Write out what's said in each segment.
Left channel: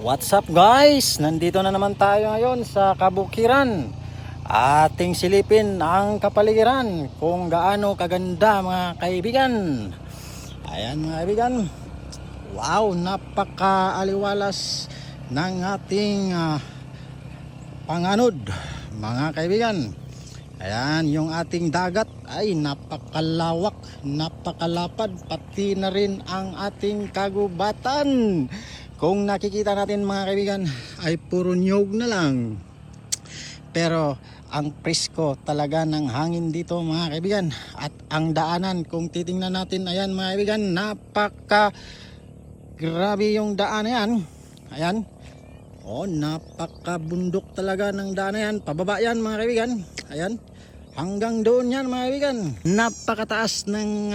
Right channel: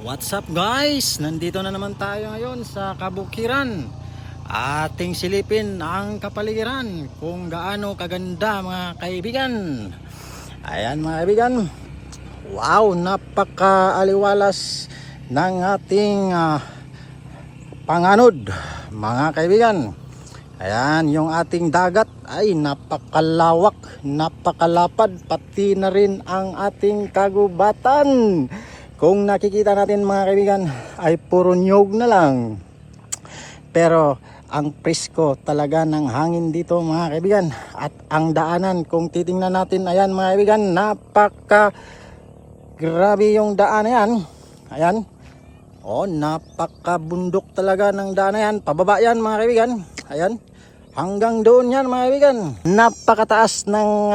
What's up guys? Nandito na naman tayo ngayon sa Kabukiran. Ating silipin ang kapaligiran kung gaano kaganda mga kaibigan. Ayan mga kaibigan. Wow, napaka-aliwalas ng ating panganod mga kaibigan. Ayan, yung ating dagat ay napakalawak, napakalapad, pati na rin ang ating kagubatan. Kung nakikita natin mga kaibigan ay puro nyog na lang. Pero ang presko talaga ng hangin dito mga kaibigan. At ang daanan kung titingnan natin, ayan mga kaibigan, napaka grabe yung daan na yan. Ayan. Oh, napaka bundok talaga ng daan na yan. Pababa yan mga kaibigan. Ayan. Hanggang doon yan mga kaibigan. Napakataas ng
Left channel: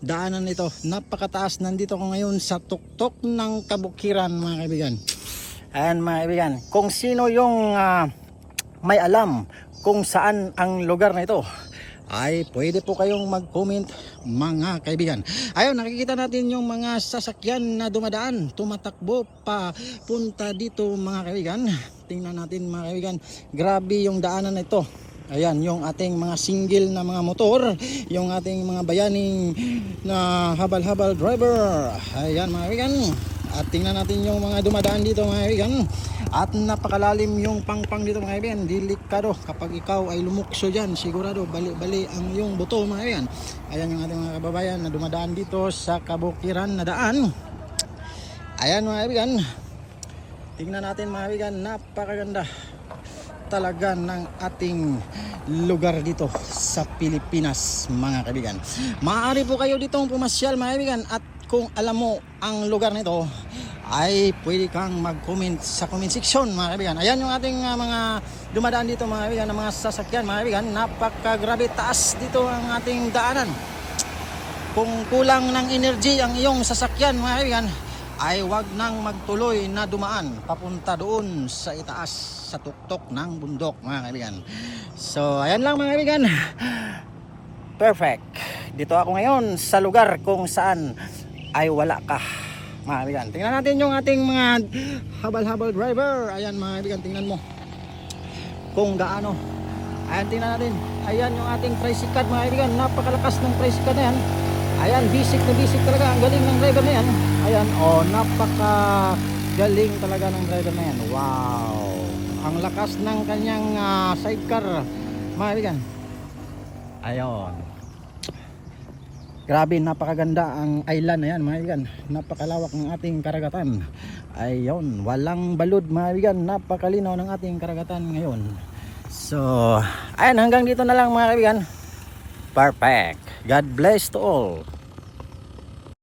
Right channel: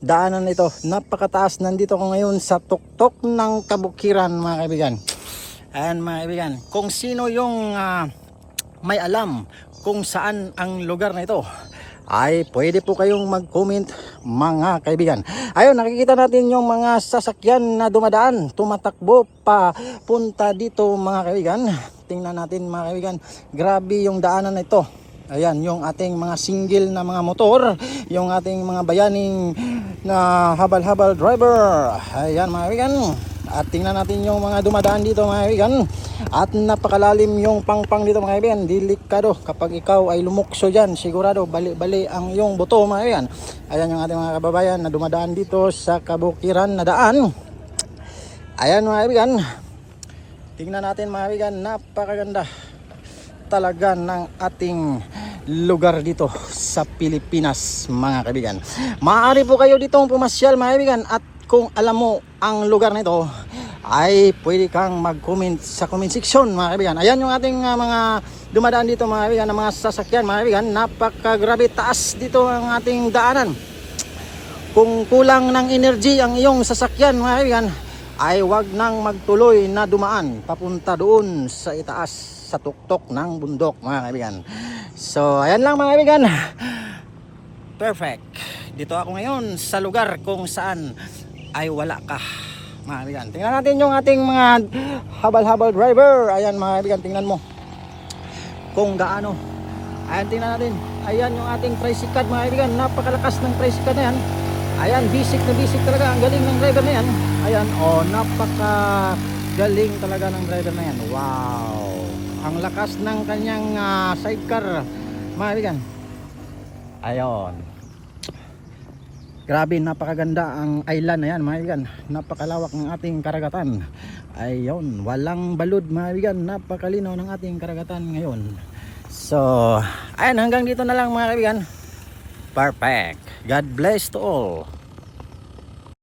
daanan ito. Napakataas. Nandito ko ngayon sa tuktok ng Kabukiran mga kaibigan. Ayan mga kaibigan. Kung sino yung may alam kung saan ang lugar na ito, ay pwede po kayong mag-comment mga kaibigan. Ayun, nakikita natin yung mga sasakyan na dumadaan, tumatakbo pa punta dito mga kaibigan. Tingnan natin mga kaibigan. Grabe yung daanan na ito. Ayan, yung ating mga single na mga motor, yung ating mga bayaning na habal-habal driver. Ayan mga kaibigan. At tingnan natin yung mga dumadaan dito mga kaibigan. At napakalalim yung pangpang dito mga kaibigan. Delikado kapag ikaw ay lumukso dyan, sigurado bali-bali ang iyong buto mga kaibigan. Ayan yung ating mga kababayan na dumadaan dito sa Kabukiran na daan. Ayan mga kaibigan. Tingnan natin mga kaibigan, napakaganda talaga ng ating lugar dito sa Pilipinas mga kaibigan. Maaari po kayo dito pumasyal mga kaibigan, at kung alam mo ang lugar na ito ay pwede kang mag-comment sa comment section mga kaibigan. Ayan yung ating mga dumadaan dito mga kaibigan, ng mga sasakyan mga kaibigan. Napakagrabe taas dito ang ating daanan. Kung kulang ng energy ang iyong sasakyan mga kaibigan, ay wag nang magtuloy na dumaan papunta doon sa itaas, sa tuktok ng bundok mga kaibigan. So ayan lang mga kaibigan. Perfect. Dito ako ngayon sa lugar kung saan ay wala ka mga kaibigan. Tingnan natin yung ating mga habal-habal driver. Ayan mga kaibigan, tingnan mo kung gaano. Ayan, tingnan natin. Ayan yung ating tricycad mga kaibigan. Napakalakas ng tricycad na yan. Ayan, basic na basic talaga. Ang galing ng driver na yan. Ayan, oh, napaka galing talaga ng driver na yan. Wow, ang lakas ng kanyang sidecar mga kaibigan. Ayun, grabe, napakaganda ang island na yan mga kaibigan. Napakalawak ng ating karagatan. Ayun, walang balud mga kaibigan. Napakalinaw ng ating karagatan ngayon. So ayan, hanggang dito na lang mga kaibigan. Perfect. God bless to all.